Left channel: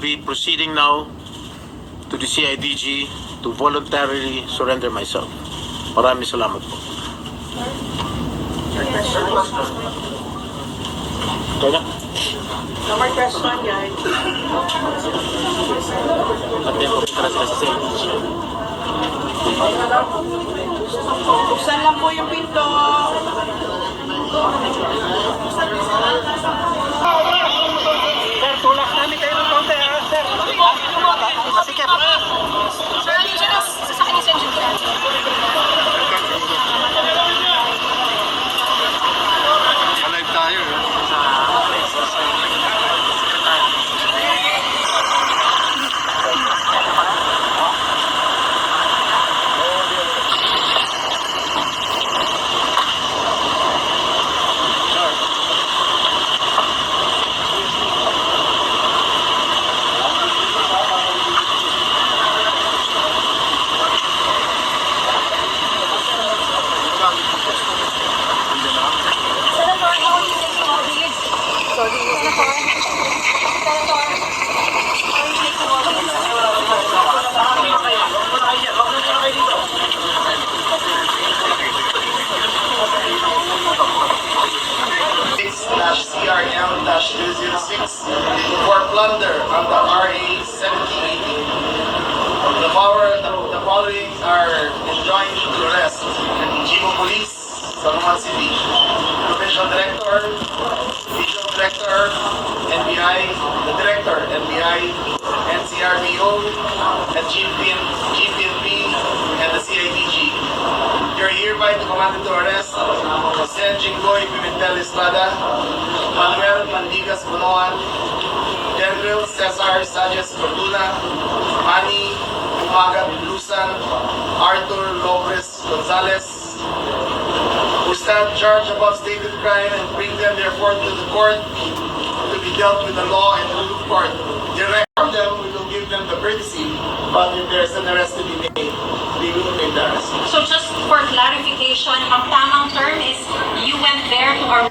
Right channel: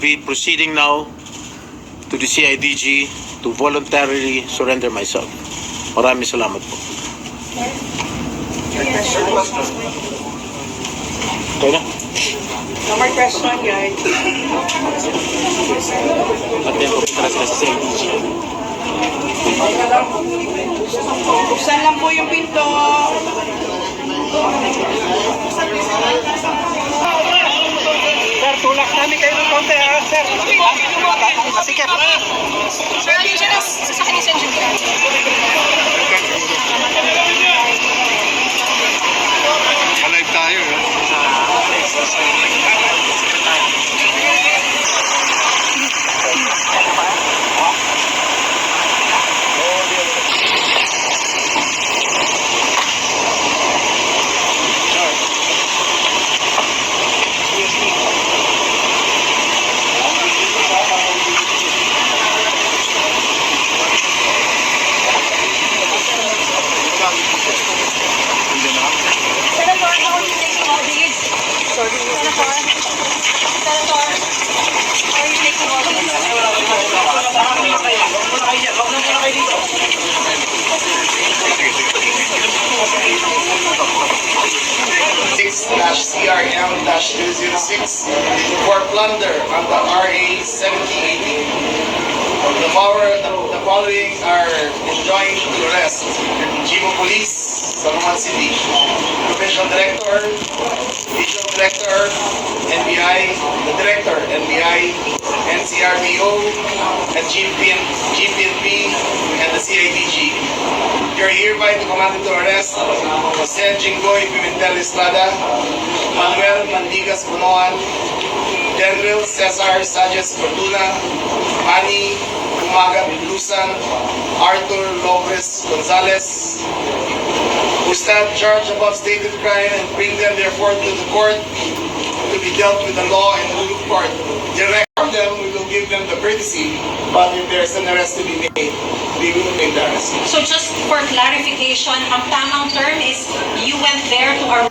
be proceeding now to the CIDG to voluntarily surrender myself. Maraming salamat po. Ito na. No more question, guys. At yan po para sa CIDG. Buksan lang po yung pinto. Sir, tulak namin kayo ng konti, ha? Sir, masikip. Sir, ano siya na sa kanya sa engineer? Alive tayo, ha? Senator, how are you taking all these? Sorry. Senator, how are you taking all these? CRM-206 for plunder under RA 7080. The following are enjoined to arrest: Chief of Police, San Juan City, Provincial Director, Regional Director, NBI, the Director, NBI, NCRPO, and GPNP, and the CIDG. You're hereby commanded to arrest Jose Jinggoy Pimentel Estrada, Manuel Mandigas Bunoan, General Cesar Sanchez Fortuna, Manny Umaga Bilusan, Arthur Lopez Gonzalez, who stand charged above stated crime and bring them therefore to the court to be dealt with the law and rule of court. Direct them, we will give them the courtesy, but if there's an arrest to be made, we will make the arrest. So just for clarification, ang tamang term is you went there to arrest.